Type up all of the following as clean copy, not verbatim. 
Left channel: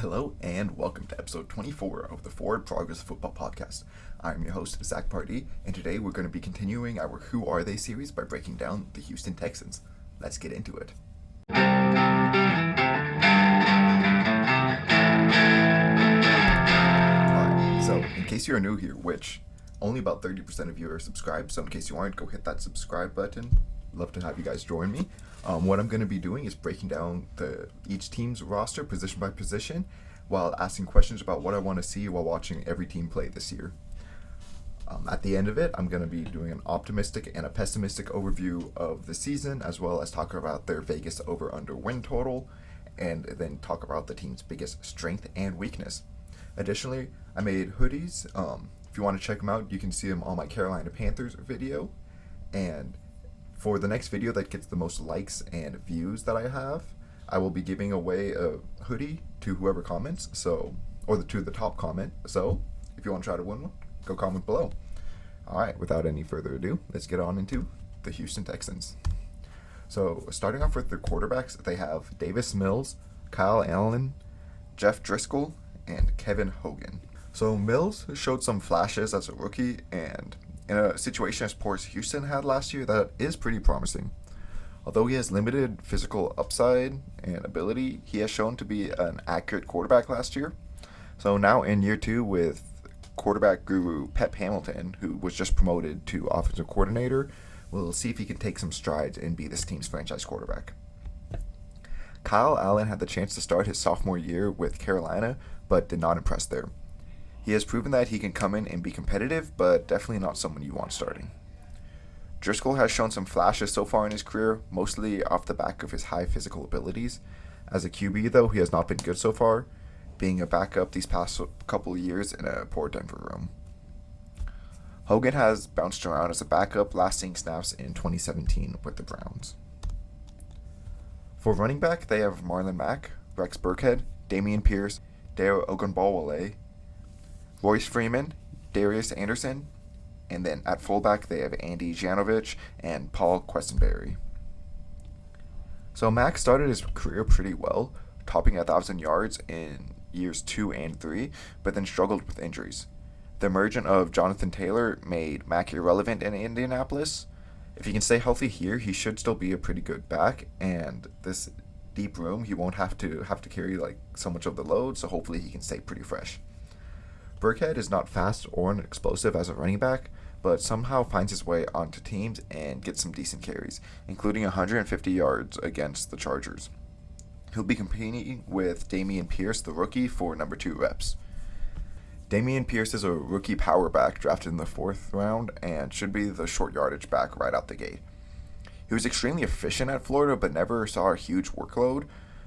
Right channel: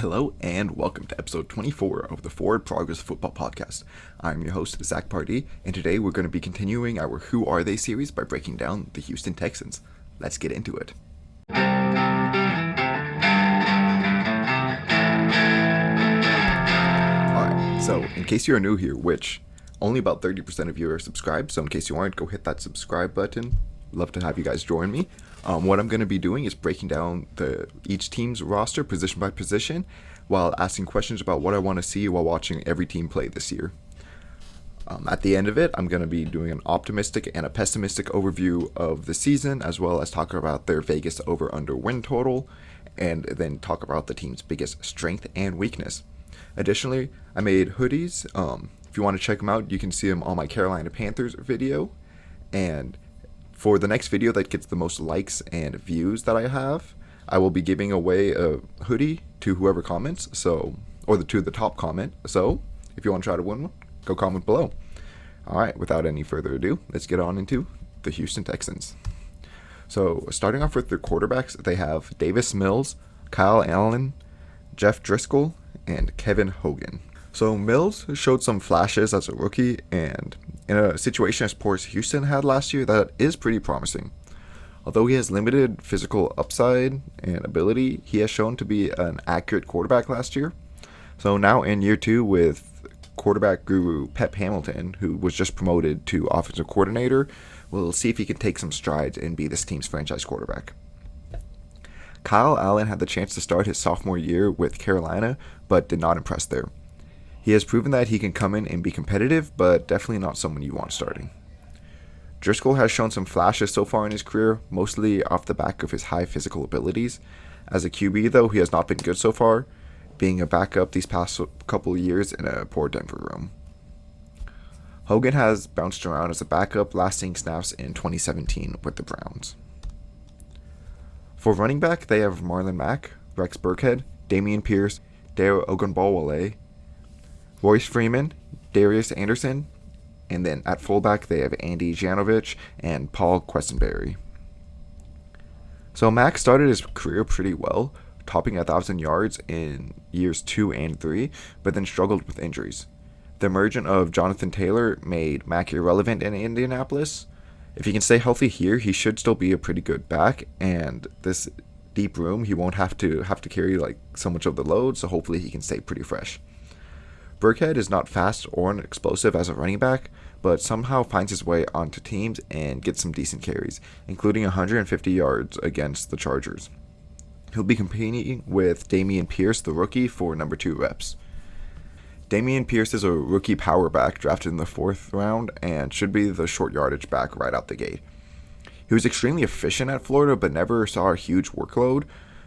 Hello and welcome to episode 24 of the Forward Progress Football Podcast. I'm your host, Zach Pardee, and today we're going to be continuing our Who Are They series by breaking down the Houston Texans. Let's get into it. Alright, so in case you are new here, which only about 30% of you are subscribed, so in case you aren't, go hit that subscribe button. Love to have you guys join me. What I'm going to be doing is breaking down each team's roster position by position while asking questions about what I want to see while watching every team play this year. At the end of it, I'm going to be doing an optimistic and a pessimistic overview of the season, as well as talk about their Vegas over-under win total, and then talk about the team's biggest strength and weakness. Additionally, I made hoodies. If you want to check them out, you can see them on my Carolina Panthers video. And for the next video that gets the most likes and views that I have, I will be giving away a hoodie to whoever comments, to the top comment. So, if you want to try to win one, go comment below. Alright, without any further ado, let's get on into the Houston Texans. So, starting off with their quarterbacks, they have Davis Mills, Kyle Allen, Jeff Driscoll, and Kevin Hogan. So, Mills showed some flashes as a rookie, and in a situation as poor as Houston had last year, that is pretty promising. Although he has limited physical upside and ability, he has shown to be an accurate quarterback last year. So now in year two with quarterback guru Pep Hamilton, who was just promoted to offensive coordinator, we'll see if he can take some strides and be this team's franchise quarterback. Kyle Allen had the chance to start his sophomore year with Carolina, but did not impress there. He has proven that he can come in and be competitive, but definitely not someone you want starting. Driscoll has shown some flashes so far in his career, mostly off the back of his high physical abilities. As a QB, though, he has not been good so far, being a backup these past couple years in a poor Denver room. Hogan has bounced around as a backup, lasting snaps in 2017 with the Browns. For running back, they have Marlon Mack, Rex Burkhead, Dameon Pierce, Dare Ogunbowale, Royce Freeman, Darius Anderson, and then at fullback they have Andy Janovich and Paul Questenberry. So Mack started his career pretty well, topping 1,000 yards in years 2 and 3, but then struggled with injuries. The emergence of Jonathan Taylor made Mack irrelevant in Indianapolis. If he can stay healthy here, he should still be a pretty good back, and this deep room, he won't have to carry so much of the load, so hopefully he can stay pretty fresh. Burkhead is not fast or explosive as a running back, but somehow finds his way onto teams and gets some decent carries, including 150 yards against the Chargers. He'll be competing with Dameon Pierce, the rookie, for number 2 reps. Dameon Pierce is a rookie power back drafted in the 4th round and should be the short yardage back right out the gate. He was extremely efficient at Florida, but never saw a huge workload,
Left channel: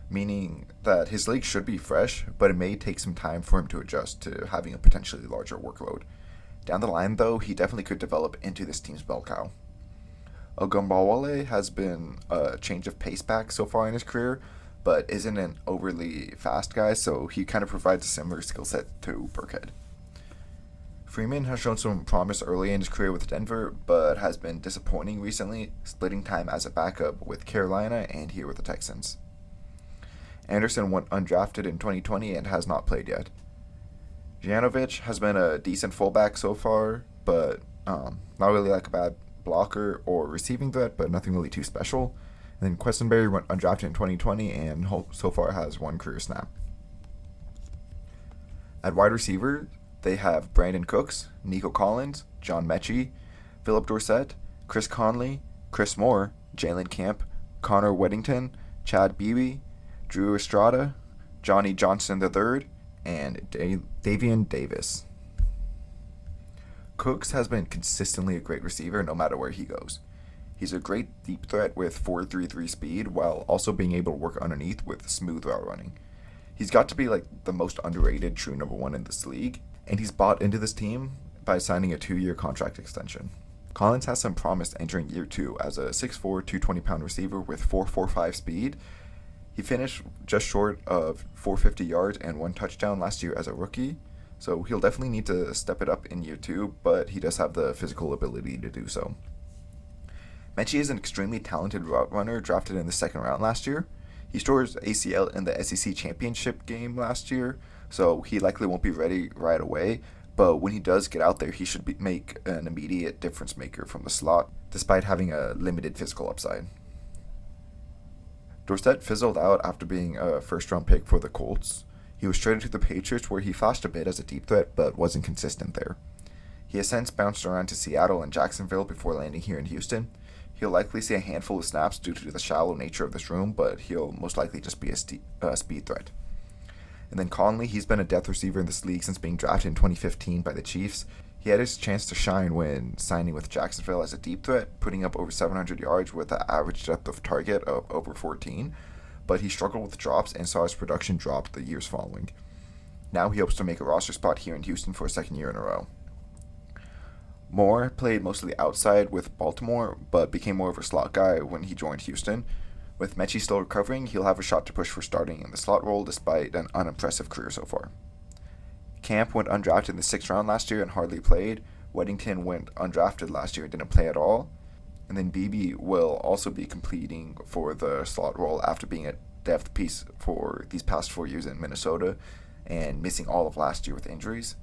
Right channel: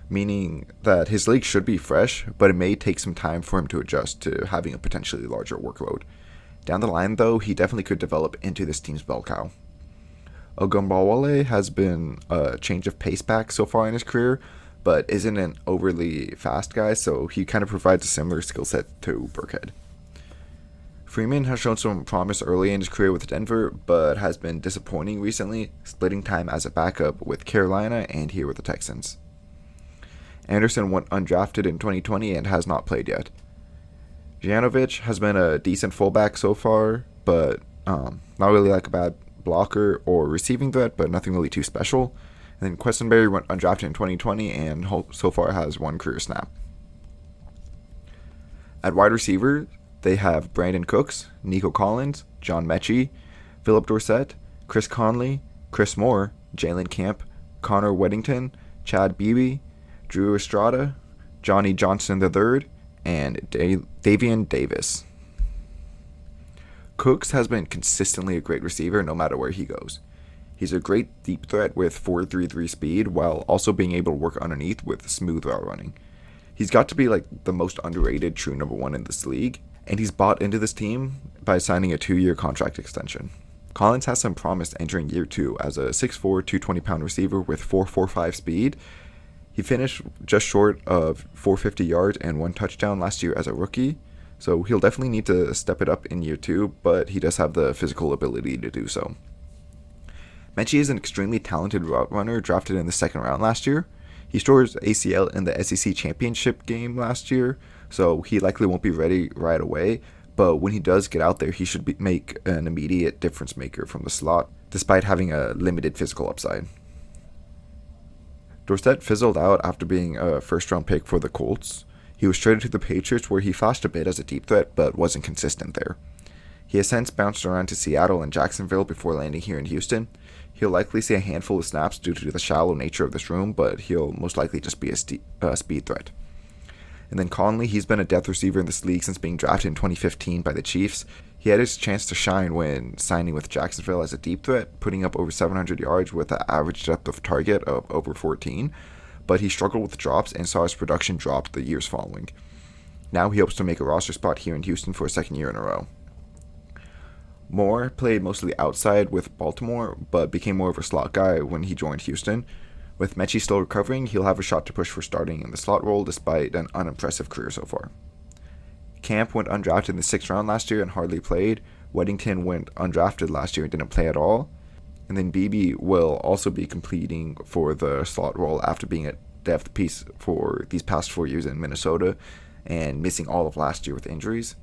meaning that his league should be fresh, but it may take some time for him to adjust to having a potentially larger workload. Down the line, though, he definitely could develop into this team's bell cow. Ogunbowale has been a change of pace back so far in his career, but isn't an overly fast guy, so he kind of provides a similar skill set to Burkhead. Freeman has shown some promise early in his career with Denver, but has been disappointing recently, splitting time as a backup with Carolina and here with the Texans. Anderson went undrafted in 2020 and has not played yet. Janovich has been a decent fullback so far, but not really a bad blocker or receiving threat, but nothing really too special. And then Questenberry went undrafted in 2020 and so far has 1 career snap. At wide receiver, they have Brandon Cooks, Nico Collins, John Mechie, Philip Dorsett, Chris Conley, Chris Moore, Jalen Camp, Connor Weddington, Chad Beebe, Drew Estrada, Johnny Johnson III, and Davian Davis. Cooks has been consistently a great receiver no matter where he goes. He's a great deep threat with 4.33 speed while also being able to work underneath with smooth route running. He's got to be the most underrated true number 1 in this league, and he's bought into this team by signing a 2-year contract extension. Collins has some promise entering year 2 as a 6'4", 220-pound receiver with 4.45 speed. He finished just short of 450 yards and 1 touchdown last year as a rookie, so he'll definitely need to step it up in year 2, but he does have the physical ability to do so. Mechie is an extremely talented route runner drafted in the 2nd round last year. He tore his ACL in the SEC championship game last year, so he likely won't be ready right away. But when he does get out there, he should make an immediate difference maker from the slot, despite having a limited physical upside. Dorsett fizzled out after being a first-round pick for the Colts. He was traded to the Patriots, where he flashed a bit as a deep threat, but wasn't consistent there. He has since bounced around to Seattle and Jacksonville before landing here in Houston. He'll likely see a handful of snaps due to the shallow nature of this room, but he'll most likely just be a speed threat. And then Conley, he's been a depth receiver in this league since being drafted in 2015 by the Chiefs. He had his chance to shine when signing with Jacksonville as a deep threat, putting up over 700 yards with an average depth of target of over 14, but he struggled with drops and saw his production drop the years following. Now he hopes to make a roster spot here in Houston for a second year in a row. Moore played mostly outside with Baltimore, but became more of a slot guy when he joined Houston. With Mechie still recovering, he'll have a shot to push for starting in the slot role despite an unimpressive career so far. Camp went undrafted in the 6th round last year and hardly played. Weddington went undrafted last year and didn't play at all. And then Beebe will also be completing for the slot role after being a depth piece for these past 4 years in Minnesota and missing all of last year with injuries.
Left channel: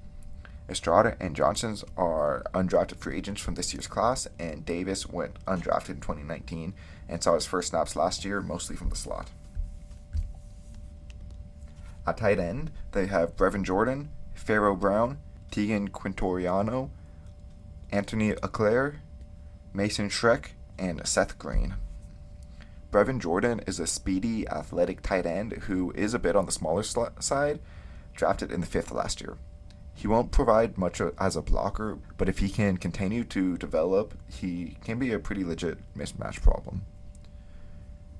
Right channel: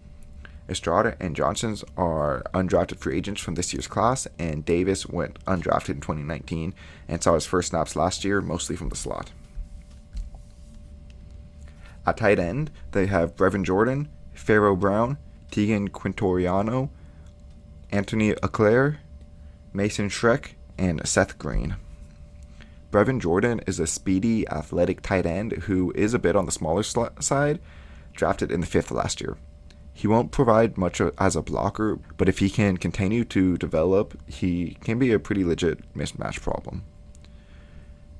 Estrada and Johnsons are undrafted free agents from this year's class, and Davis went undrafted in 2019 and saw his first snaps last year, mostly from the slot. At tight end, they have Brevin Jordan, Pharaoh Brown, Tegan Quintoriano, Anthony Auclair, Mason Schreck, and Seth Green. Brevin Jordan is a speedy, athletic tight end who is a bit on the smaller side, drafted in the 5th last year. He won't provide much as a blocker, but if he can continue to develop, he can be a pretty legit mismatch problem.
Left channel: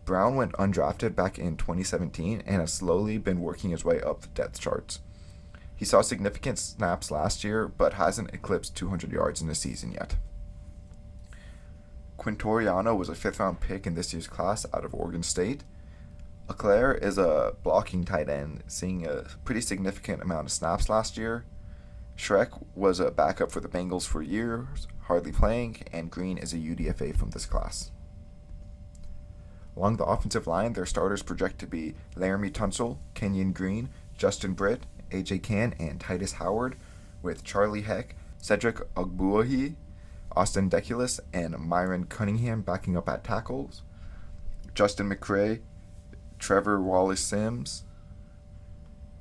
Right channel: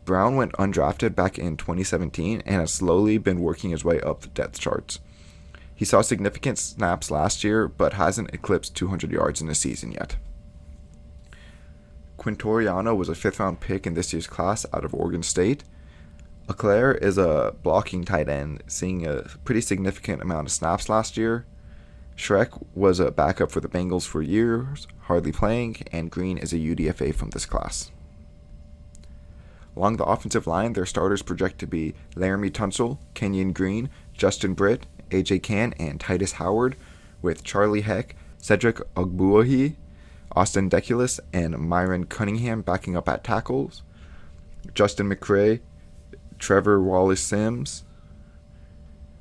Brown went undrafted back in 2017 and has slowly been working his way up the depth charts. He saw significant snaps last year, but hasn't eclipsed 200 yards in a season yet. Quintoriano was a 5th-round pick in this year's class out of Oregon State. Auclair is a blocking tight end, seeing a pretty significant amount of snaps last year. Schreck was a backup for the Bengals for years, hardly playing, and Green is a UDFA from this class. Along the offensive line, their starters project to be Laramie Tunsil, Kenyon Green, Justin Britt, AJ Cann, and Titus Howard, with Charlie Heck, Cedric Ogbuahi, Austin Deculus, and Myron Cunningham backing up at tackles, Justin McCray, Trevor Wallace-Sims,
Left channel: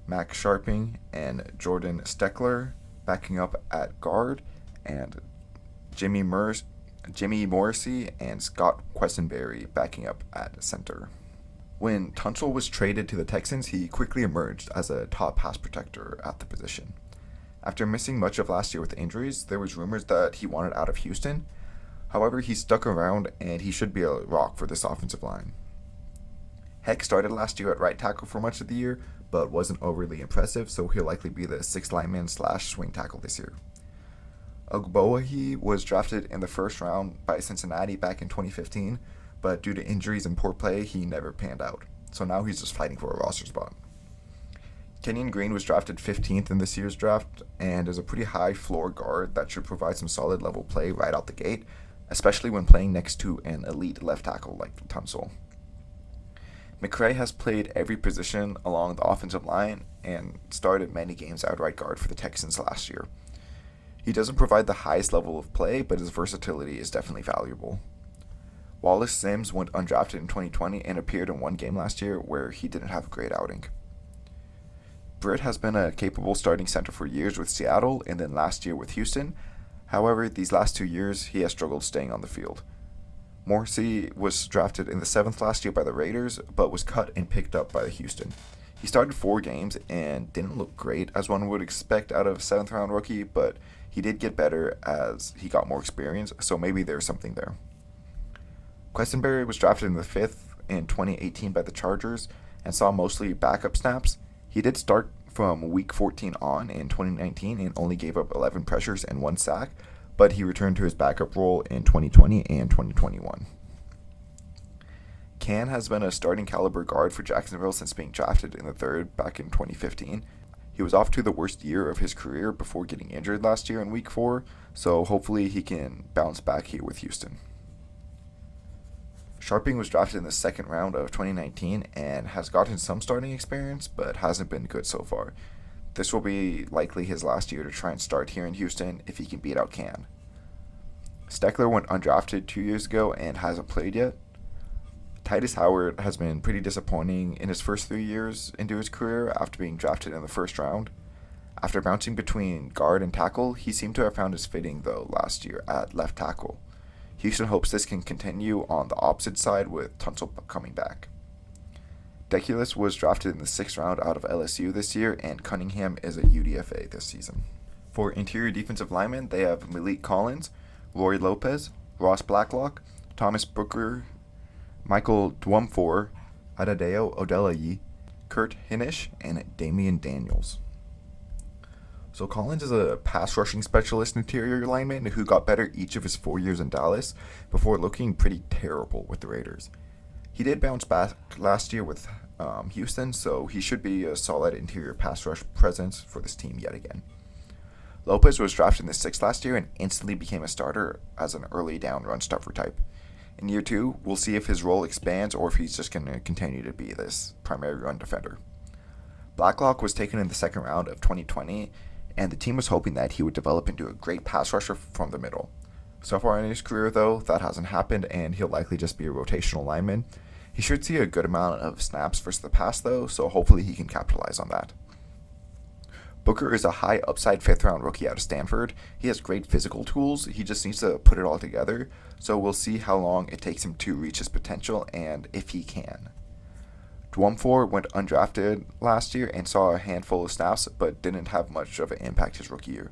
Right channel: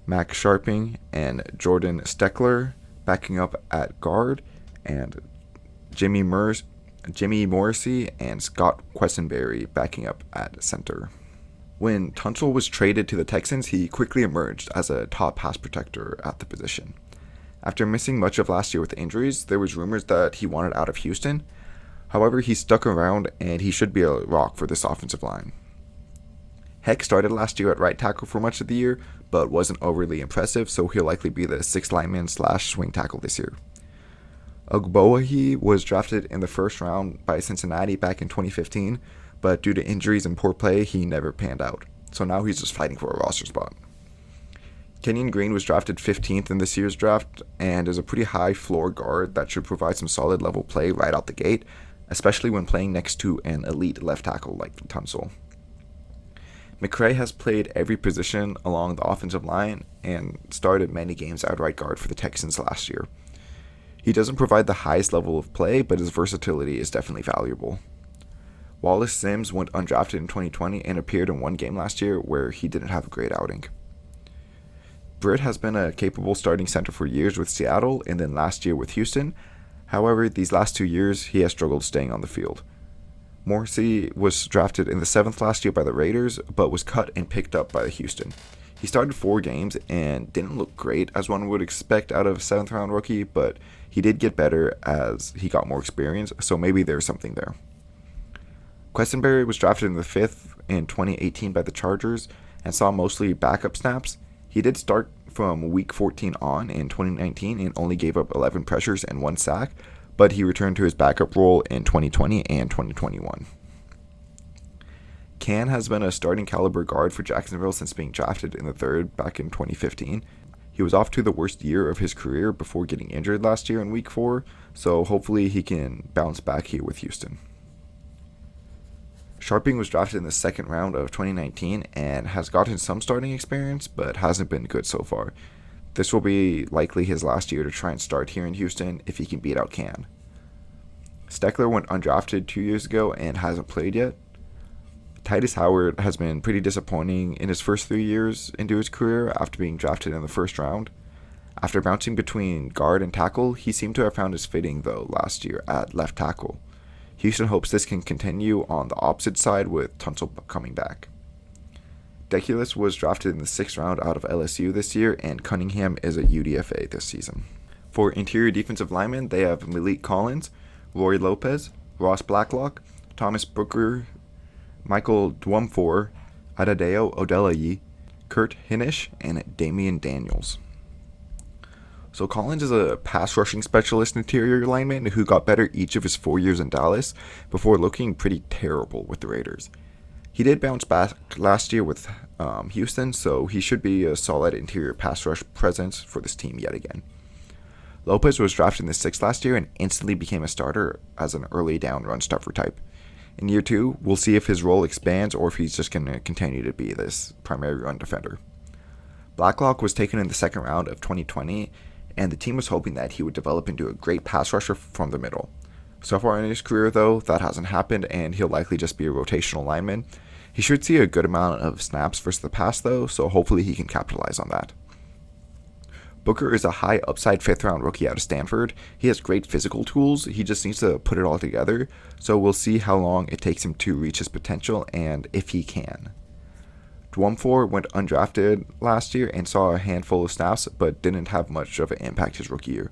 Max Sharping, and Jordan Steckler backing up at guard, and Jimmy Morrissey and Scott Quessenberry backing up at center. When Tunsil was traded to the Texans, he quickly emerged as a top pass protector at the position. After missing much of last year with injuries, there was rumors that he wanted out of Houston. However, he stuck around and he should be a rock for this offensive line. Heck started last year at right tackle for much of the year, but wasn't overly impressive, so he'll likely be the 6th lineman / swing tackle this year. Ogbuahi was drafted in the 1st round by Cincinnati back in 2015, but due to injuries and poor play, he never panned out. So now he's just fighting for a roster spot. Kenyon Green was drafted 15th in this year's draft and is a pretty high floor guard that should provide some solid level play right out the gate, especially when playing next to an elite left tackle like Tunsil. McCray has played every position along the offensive line and started many games at right guard for the Texans last year. He doesn't provide the highest level of play, but his versatility is definitely valuable. Wallace Sims went undrafted in 2020 and appeared in one game last year where he didn't have a great outing. Britt has been a capable starting center for years with Seattle and then last year with Houston. However, these last 2 years, he has struggled staying on the field. Morrissey was drafted in the 7th last year by the Raiders, but was cut and picked up by Houston. He started 4 games and didn't look great as one would expect out of a 7th-round rookie, but he did get better as he got more experience, so maybe there's something there. Quessenberry was drafted in the 5th in 2018 by the Chargers and saw mostly backup snaps. He did start from week 14 on in 2019 and only gave up 11 pressures and 1 sack, but he returned to his backup role in 2020 and 2021. Cann has been a starting caliber guard for Jacksonville since being drafted in the 3rd back in 2015. He was off to the worst year of his career before getting injured last year in week 4, so hopefully he can bounce back here with Houston. Sharping was drafted in the second round of 2019 and has gotten some starting experience, but hasn't been good so far. This will be likely his last year to try and start here in Houston if he can beat out Can. Steckler went undrafted 2 years ago and hasn't played yet. Titus Howard has been pretty disappointing in his first 3 years into his career after being drafted in the first round. After bouncing between guard and tackle, he seemed to have found his fitting though last year at left tackle. Houston hopes this can continue on the opposite side with Tunsil coming back. Deculus was drafted in the 6th round out of LSU this year, and Cunningham is a UDFA this season. For interior defensive linemen, they have Malik Collins, Roy Lopez, Ross Blacklock, Thomas Booker, Michael Dwumfor, Adadeo Odelayi, Kurt Hinish, and Damian Daniels. So Collins is a pass rushing specialist interior lineman who got better each of his 4 years in Dallas before looking pretty terrible with the Raiders. He did bounce back last year with Houston, so he should be a solid interior pass rush presence for this team yet again. Lopez was drafted in the 6th last year and instantly became a starter as an early down run stuffer type. In year 2, we'll see if his role expands or if he's just going to continue to be this primary run defender. Blacklock was taken in the 2nd round of 2020, and the team was hoping that he would develop into a great pass rusher from the middle. So far in his career, though, that hasn't happened, and he'll likely just be a rotational lineman. He should see a good amount of snaps versus the pass, though, so hopefully he can capitalize on that. Booker is a high upside 5th round rookie out of Stanford. He has great physical tools, he just needs to put it all together, so we'll see how long it takes him to reach his potential and if he can. Dwumfor went undrafted last year and saw a handful of snaps, but didn't have much of an impact his rookie year.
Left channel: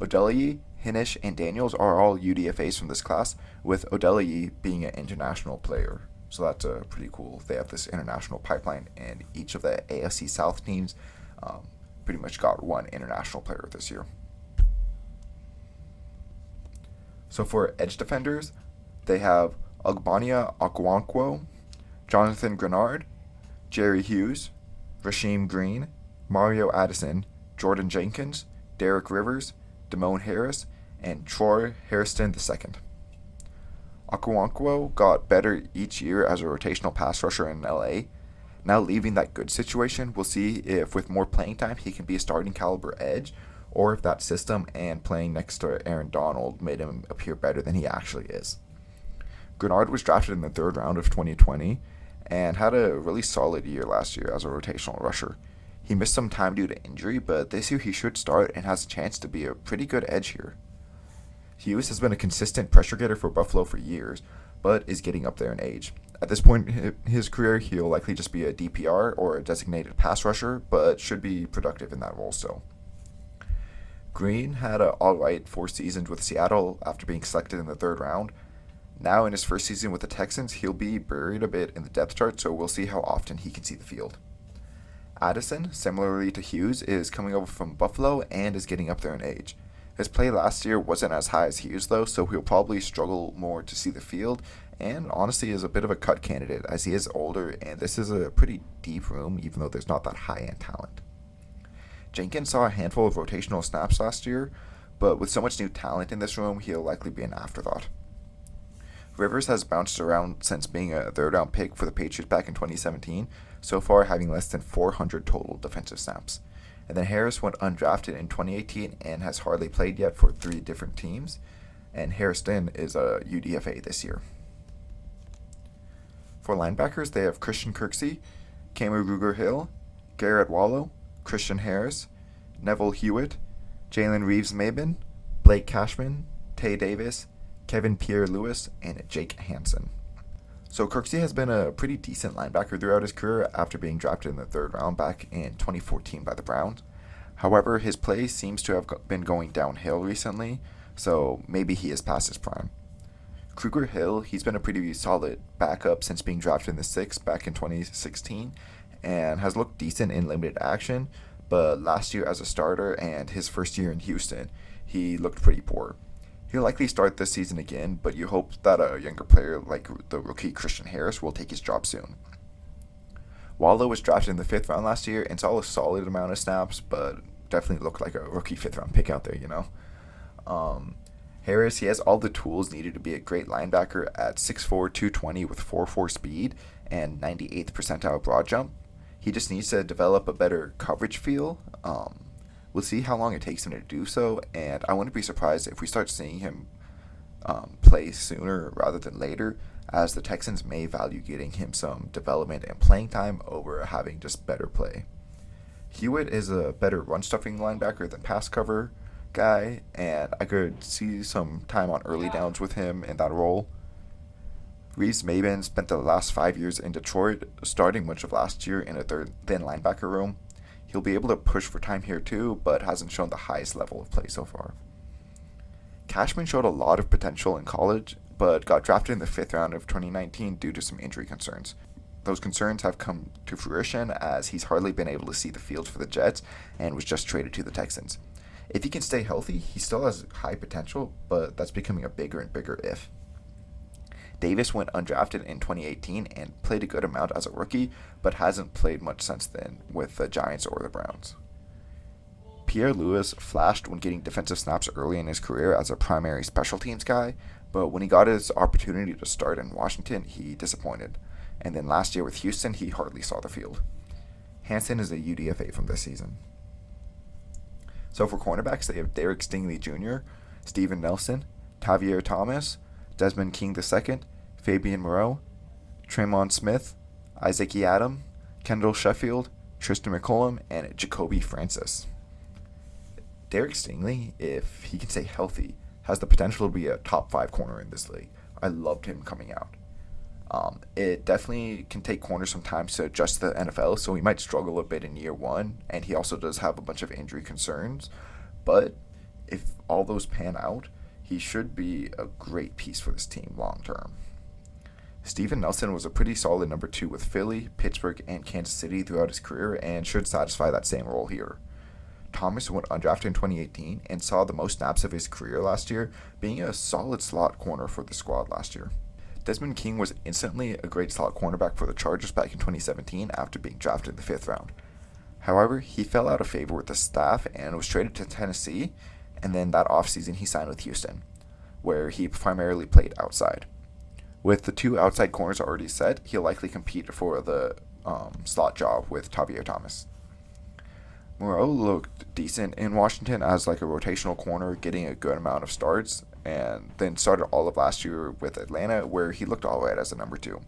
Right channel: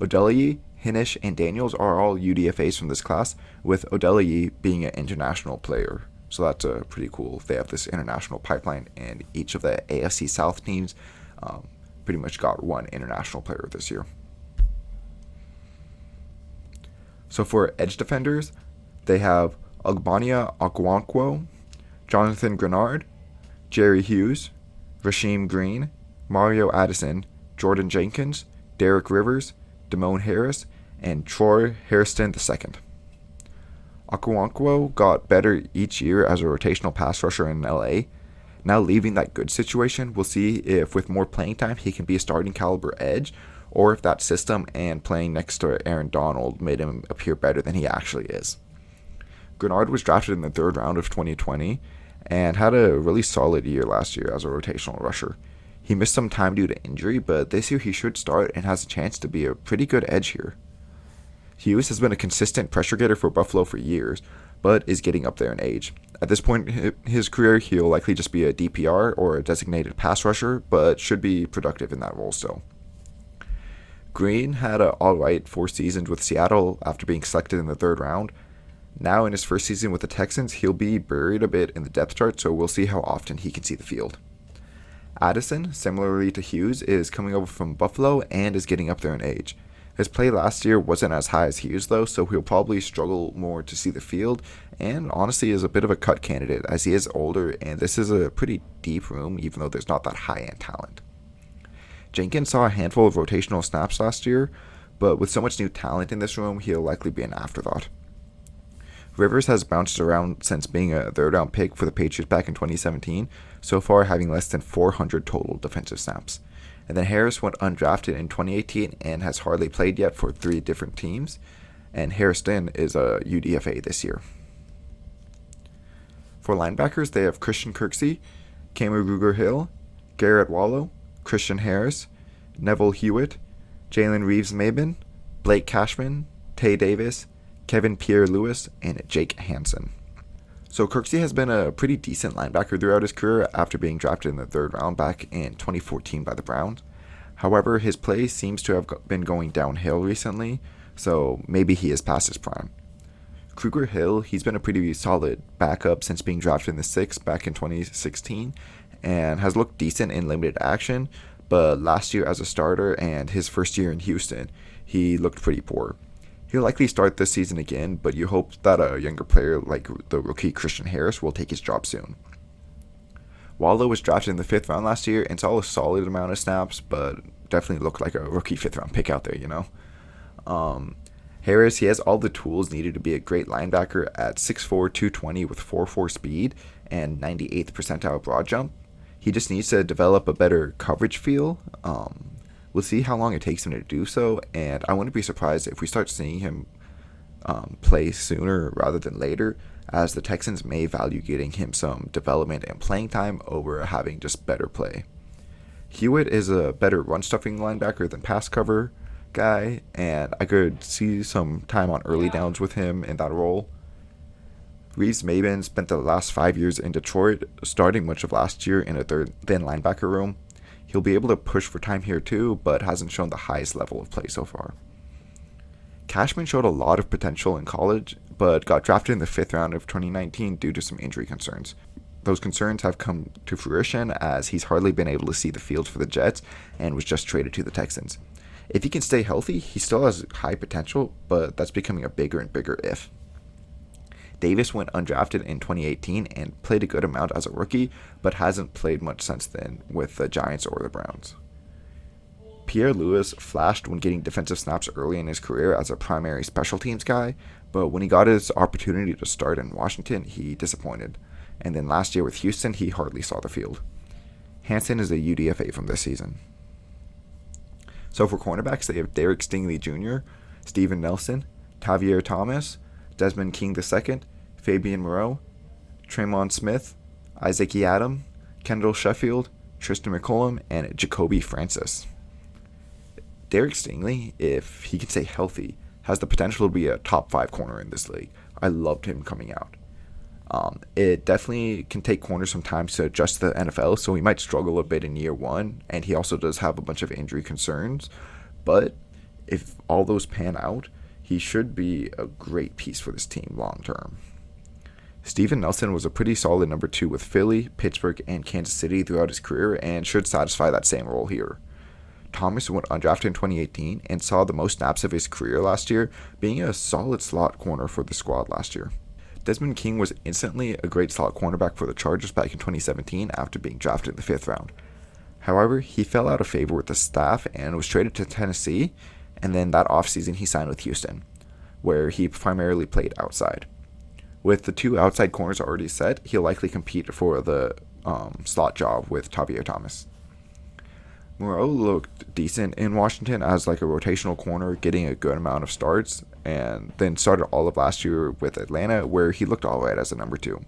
Odelayi, Hinish, and Daniels are all UDFAs from this class, with Odelayi being an international player. So that's pretty cool. They have this international pipeline, and each of the AFC South teams pretty much got one international player this year. So for edge defenders, they have Ogbania Okwankwo, Jonathan Grenard, Jerry Hughes, Rasheem Green, Mario Addison, Jordan Jenkins, Derek Rivers, Damone Harris, and Troy Hairston II. Okwankwo got better each year as a rotational pass rusher in LA. Now leaving that good situation, we'll see if with more playing time he can be a starting caliber edge, or if that system and playing next to Aaron Donald made him appear better than he actually is. Grenard was drafted in the 3rd round of 2020 and had a really solid year last year as a rotational rusher. He missed some time due to injury, but this year he should start and has a chance to be a pretty good edge here. Hughes has been a consistent pressure getter for Buffalo for years, but is getting up there in age. At this point in his career, he'll likely just be a DPR or a designated pass rusher, but should be productive in that role still. Green had an alright 4 seasons with Seattle after being selected in the 3rd round. Now in his first season with the Texans, he'll be buried a bit in the depth chart, so we'll see how often he can see the field. Addison, similarly to Hughes, is coming over from Buffalo and is getting up there in age. His play last year wasn't as high as Hughes though, so he'll probably struggle more to see the field, and honestly is a bit of a cut candidate as he is older and this is a pretty deep room even though there's not that high-end talent. Jenkins saw a handful of rotational snaps last year, but with so much new talent in this room, he'll likely be an afterthought. Rivers has bounced around since being a 3rd round pick for the Patriots back in 2017, so far having less than 400 total defensive snaps. And then Harris went undrafted in 2018 and has hardly played yet for 3 different teams, and Hairston is a UDFA this year. For linebackers, they have Christian Kirksey, Cameron Ruger-Hill, Garrett Wallow, Christian Harris, Neville Hewitt, Jalen Reeves-Maben, Blake Cashman, Tay Davis, Kevin Pierre-Louis, and Jake Hansen. So Kirksey has been a pretty decent linebacker throughout his career after being drafted in the 3rd round back in 2014 by the Browns. However, his play seems to have been going downhill recently, so maybe he is past his prime. Kruger Hill, he's been a pretty solid backup since being drafted in the 6th back in 2016 and has looked decent in limited action, but last year as a starter and his first year in Houston, he looked pretty poor. He'll likely start this season again, but you hope that a younger player like the rookie Christian Harris will take his job soon. Wallow was drafted in the 5th round last year and saw a solid amount of snaps, but definitely looked like a rookie 5th round pick out there, you know. Harris, he has all the tools needed to be a great linebacker at 6'4", 220 with 4.4 speed and 98th percentile broad jump. He just needs to develop a better coverage feel. We'll see how long it takes him to do so, and I wouldn't be surprised if we start seeing him play sooner rather than later, as the Texans may value getting him some development and playing time over having just better play. Hewitt is a better run-stuffing linebacker than pass cover guy, and I could see some time on early downs with him in that role. Reeves-Maben spent the last 5 years in Detroit, starting much of last year in a thin linebacker room. He'll be able to push for time here too, but hasn't shown the highest level of play so far. Cashman showed a lot of potential in college, but got drafted in the 5th round of 2019 due to some injury concerns. Those concerns have come to fruition as he's hardly been able to see the field for the Jets and was just traded to the Texans. If he can stay healthy, he still has high potential, but that's becoming a bigger and bigger if. Davis went undrafted in 2018 and played a good amount as a rookie, but hasn't played much since then with the Giants or the Browns. Pierre Lewis flashed when getting defensive snaps early in his career as a primary special teams guy, but when he got his opportunity to start in Washington, he disappointed. And then last year with Houston, he hardly saw the field. Hansen is a UDFA from this season. So for cornerbacks, they have Derek Stingley Jr., Steven Nelson, Tavier Thomas, Desmond King II, Fabian Moreau, Tremont Smith, Isaac Adam, Kendall Sheffield, Tristan McCollum, and Jacoby Francis. Derek Stingley, if he can stay healthy, has the potential to be a top 5 corner in this league. I loved him coming out. It definitely can take corners sometimes to adjust to the NFL, so he might struggle a bit in year 1, and he also does have a bunch of injury concerns. But if all those pan out, he should be a great piece for this team long term. Steven Nelson was a pretty solid number 2 with Philly, Pittsburgh, and Kansas City throughout his career and should satisfy that same role here. Thomas went undrafted in 2018 and saw the most snaps of his career last year, being a solid slot corner for the squad last year. Desmond King was instantly a great slot cornerback for the Chargers back in 2017 after being drafted in the 5th round. However, he fell out of favor with the staff and was traded to Tennessee, and then that offseason he signed with Houston, where he primarily played outside. With the 2 outside corners already set, he'll likely compete for the slot job with Tavier Thomas. Moreau looked decent in Washington as like a rotational corner, getting a good amount of starts, and then started all of last year with Atlanta, where he looked alright as a number 2.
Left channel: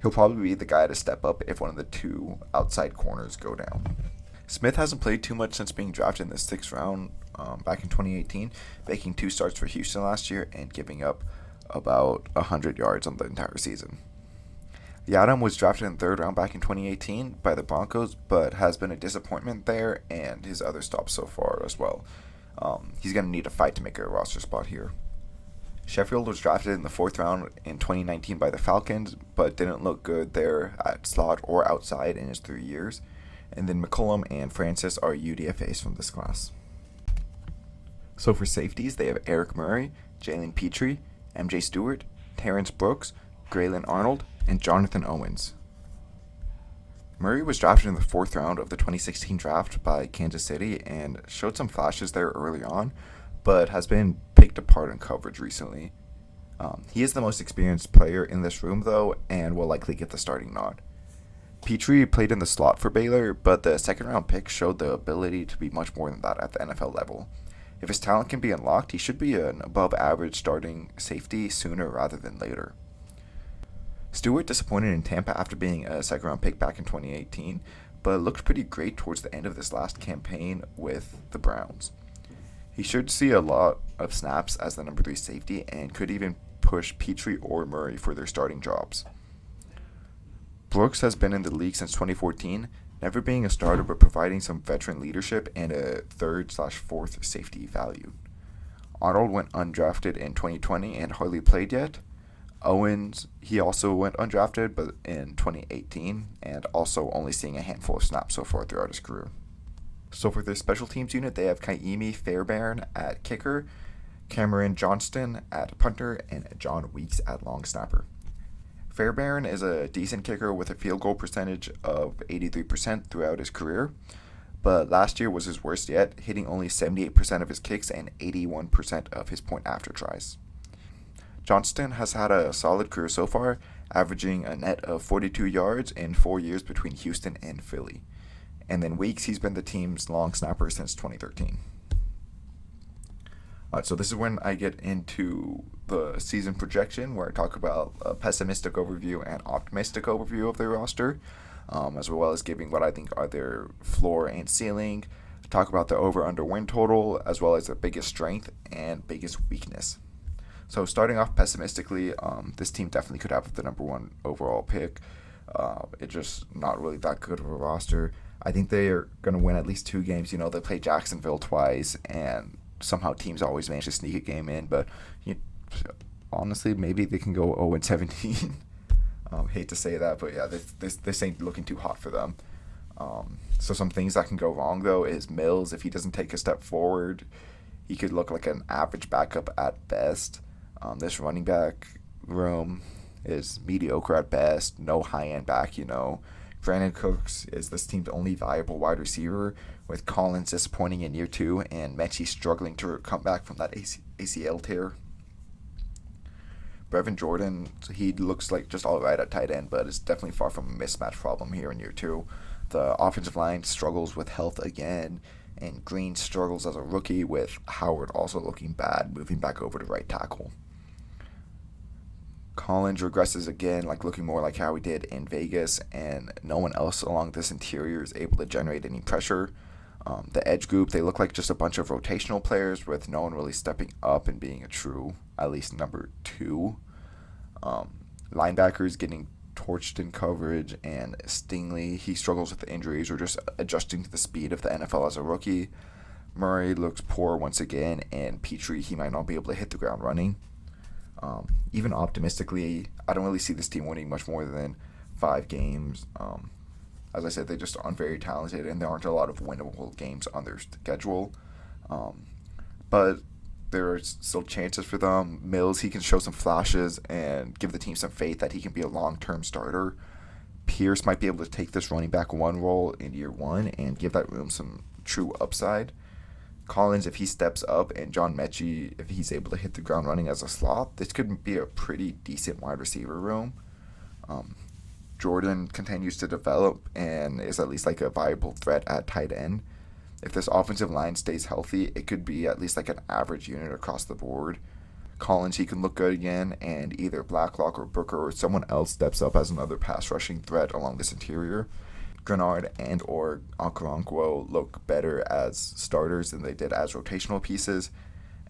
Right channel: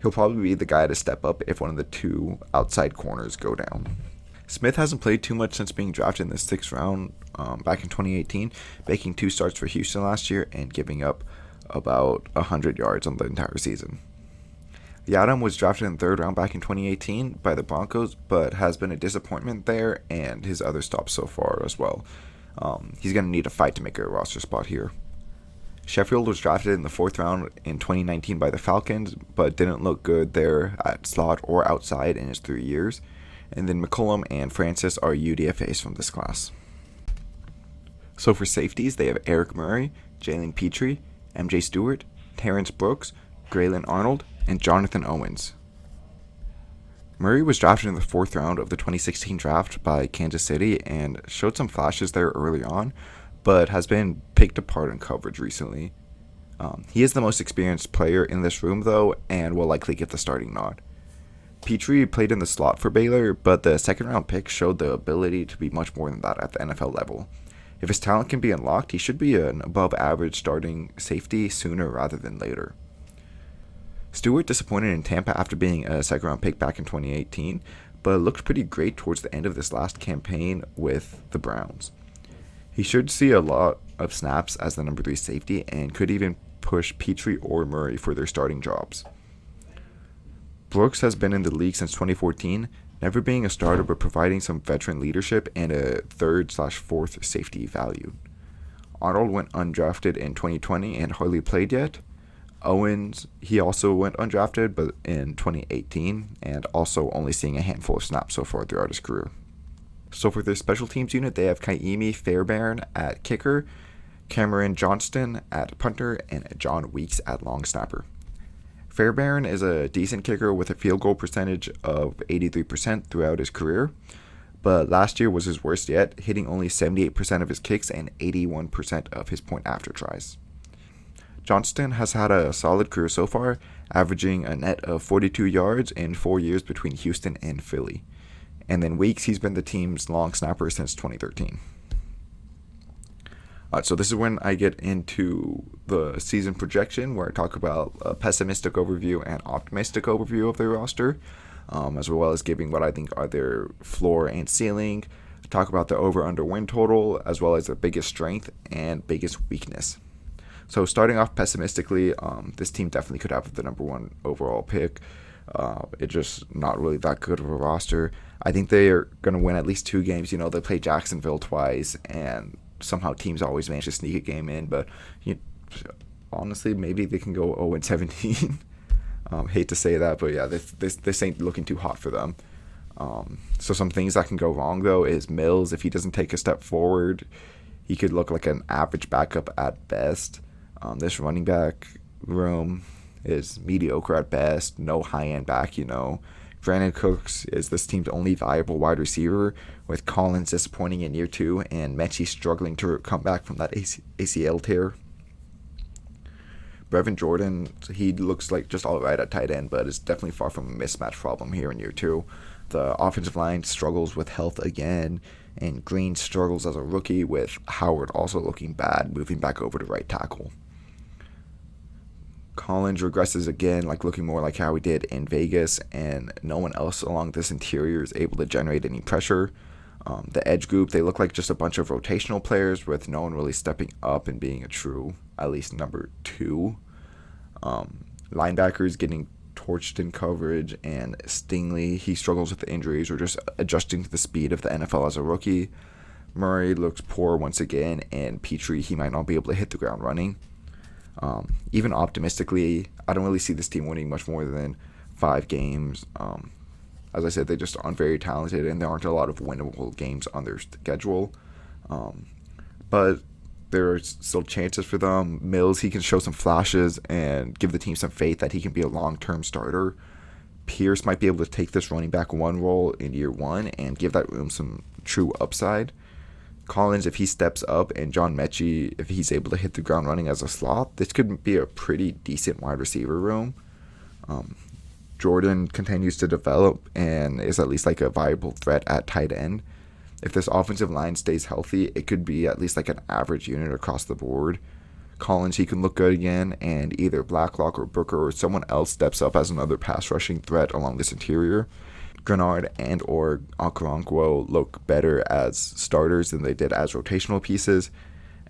He'll probably be the guy to step up if one of the 2 outside corners go down. Smith hasn't played too much since being drafted in the 6th round back in 2018, making 2 starts for Houston last year and giving up about 100 yards on the entire season. Yadam was drafted in the 3rd round back in 2018 by the Broncos, but has been a disappointment there and his other stops so far as well. He's going to need a fight to make a roster spot here. Sheffield was drafted in the 4th round in 2019 by the Falcons, but didn't look good there at slot or outside in his 3 years. And then McCollum and Francis are UDFAs from this class. So for safeties, they have Eric Murray, Jalen Petrie, MJ Stewart, Terrence Brooks, Graylin Arnold, and Jonathan Owens. Murray was drafted in the 4th round of the 2016 draft by Kansas City and showed some flashes there early on, but has been picked apart in coverage recently. He is the most experienced player in this room, though, and will likely get the starting nod. Petrie played in the slot for Baylor, but the 2nd round pick showed the ability to be much more than that at the NFL level. If his talent can be unlocked, he should be an above-average starting safety sooner rather than later. Stewart disappointed in Tampa after being a 2nd round pick back in 2018, but looked pretty great towards the end of this last campaign with the Browns. He should see a lot of snaps as the number 3 safety and could even push Petrie or Murray for their starting jobs. Brooks has been in the league since 2014, never being a starter but providing some veteran leadership and a 3rd/4th safety value. Arnold went undrafted in 2020 and hardly played yet. Owens, he also went undrafted but in 2018 and also only seeing a handful of snaps so far throughout his career. So for their special teams unit, they have Kaimi Fairbairn at kicker, Cameron Johnston at punter, and John Weeks at long snapper. Fairbairn is a decent kicker with a field goal percentage of 83% throughout his career, but last year was his worst yet, hitting only 78% of his kicks and 81% of his point after tries. Johnston has had a solid career so far, averaging a net of 42 yards in 4 years between Houston and Philly. And then Weeks, he's been the team's long snapper since 2013. So this is when I get into the season projection, where I talk about a pessimistic overview and optimistic overview of their roster, as well as giving what I think are their floor and ceiling, talk about the over-under win total, as well as their biggest strength and biggest weakness. So starting off pessimistically, this team definitely could have the number one overall pick. It's just not really that good of a roster. I think they are going to win at least 2 games. They play Jacksonville twice, and somehow teams always manage to sneak a game in. But honestly, maybe they can go 0-17. Hate to say that, but yeah, this ain't looking too hot for them. So some things that can go wrong, though, is Mills. If he doesn't take a step forward, he could look like an average backup at best. This running back room is mediocre at best. No high-end back, Brandon Cooks is this team's only viable wide receiver, with Collins disappointing in year 2 and Mechie struggling to come back from that ACL tear. Brevin Jordan, he looks like just all right at tight end, but it's definitely far from a mismatch problem here in year 2. The offensive line struggles with health again, and Green struggles as a rookie, with Howard also looking bad, moving back over to right tackle. Collins regresses again, looking more like how he did in Vegas, and no one else along this interior is able to generate any pressure. The edge group, they look like just a bunch of rotational players, with no one really stepping up and being a true, at least number 2. Linebackers getting torched in coverage, and Stingley, he struggles with injuries or just adjusting to the speed of the NFL as a rookie. Murray looks poor once again, and Petrie, he might not be able to hit the ground running. Even optimistically, I don't really see this team winning much more than 5 games. As I said, they just aren't very talented, and there aren't a lot of winnable games on their schedule. But there are still chances for them. Mills, he can show some flashes and give the team some faith that he can be a long-term starter. Pierce might be able to take this running back 1 role in year 1 and give that room some true upside. Collins, if he steps up, and John Mechie, if he's able to hit the ground running as a slot, this could be a pretty decent wide receiver room. Jordan continues to develop and is at least a viable threat at tight end. If this offensive line stays healthy, it could be at least an average unit across the board. Collins, he can look good again, and either Blacklock or Booker or someone else steps up as another pass rushing threat along this interior. Grenard and or Okoronkwo look better as starters than they did as rotational pieces,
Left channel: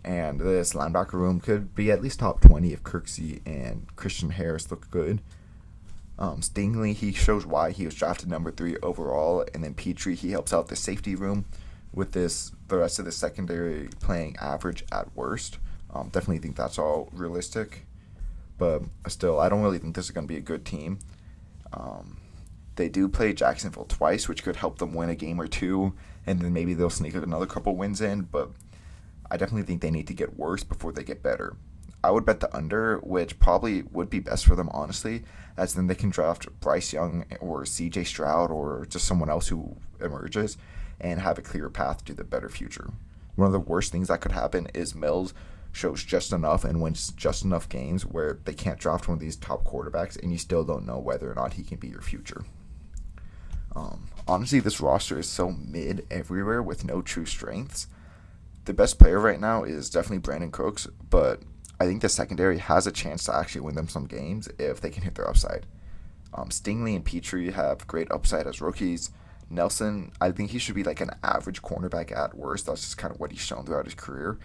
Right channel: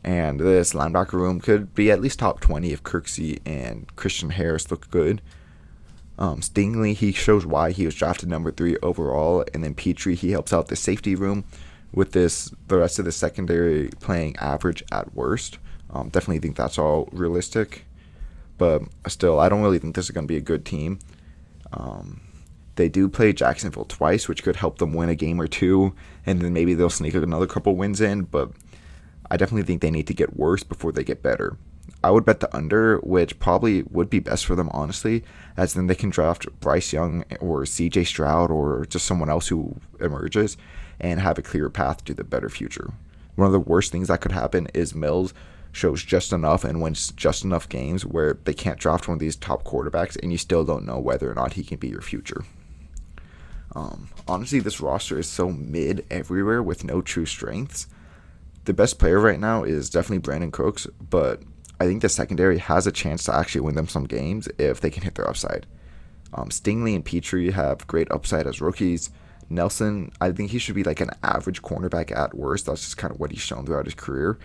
and this linebacker room could be at least top 20 if Kirksey and Christian Harris look good. Stingley, he shows why he was drafted number 3 overall, and then Petrie, he helps out the safety room with the rest of the secondary playing average at worst. Definitely think that's all realistic, but still, I don't really think this is going to be a good team. They do play Jacksonville twice, which could help them win a game or 2, and then maybe they'll sneak another couple wins in, but I definitely think they need to get worse before they get better. I would bet the under, which probably would be best for them, honestly, as then they can draft Bryce Young or CJ Stroud or just someone else who emerges and have a clear path to the better future. One of the worst things that could happen is Mills shows just enough and wins just enough games where they can't draft one of these top quarterbacks and you still don't know whether or not he can be your future. Honestly, this roster is so mid everywhere with no true strengths. The best player right now is definitely Brandon Cooks, but I think the secondary has a chance to actually win them some games if they can hit their upside. Stingley and Petrie have great upside as rookies. Nelson, I think he should be an average cornerback at worst. That's just kind of what he's shown throughout his career.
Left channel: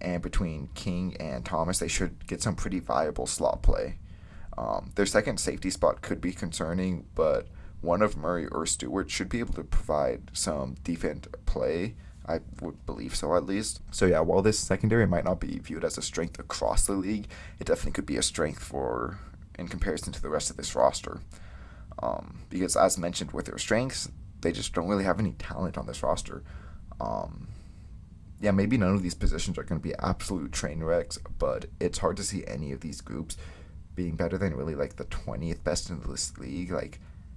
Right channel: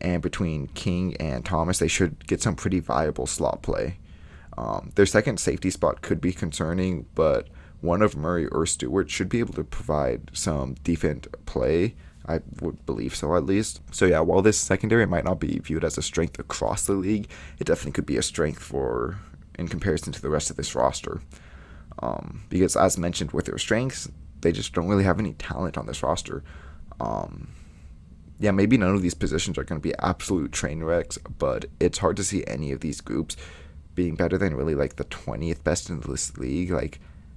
And between King and Thomas, they should get some pretty viable slot play. Their second safety spot could be concerning, but one of Murray or Stewart should be able to provide some decent play. I would believe so, at least. So yeah, while this secondary might not be viewed as a strength across the league, it definitely could be a strength in comparison to the rest of this roster. Because as mentioned with their strengths, they just don't really have any talent on this roster. Yeah, maybe none of these positions are going to be absolute train wrecks, but it's hard to see any of these groups being better than really the 20th best in this league.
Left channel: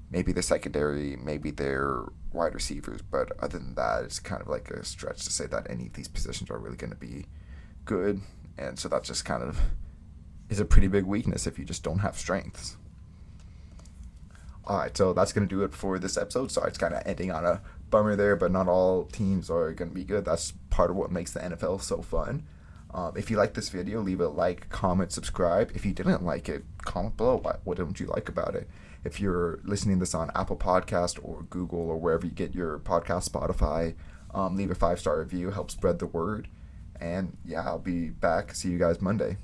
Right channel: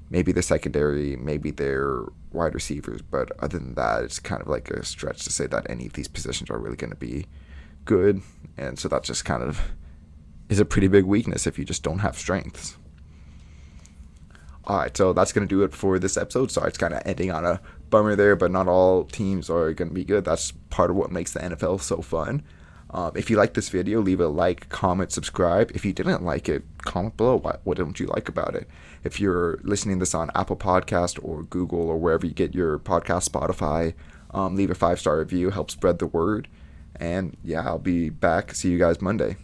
maybe their secondary, maybe their wide receivers. But other than that, it's kind of like a stretch to say that any of these positions are really going to be good. And so that just kind of is a pretty big weakness if you just don't have strengths. All right, so that's going to do it for this episode. Sorry, it's kind of ending on a bummer there, but not all teams are going to be good. That's part of what makes the NFL so fun. If you like this video, leave a like, comment, subscribe. If you didn't like it, comment below. What don't you like about it? If you're listening to this on Apple Podcast or Google or wherever you get your podcast, Spotify, leave a 5-star review. Help spread the word. And yeah, I'll be back. See you guys Monday.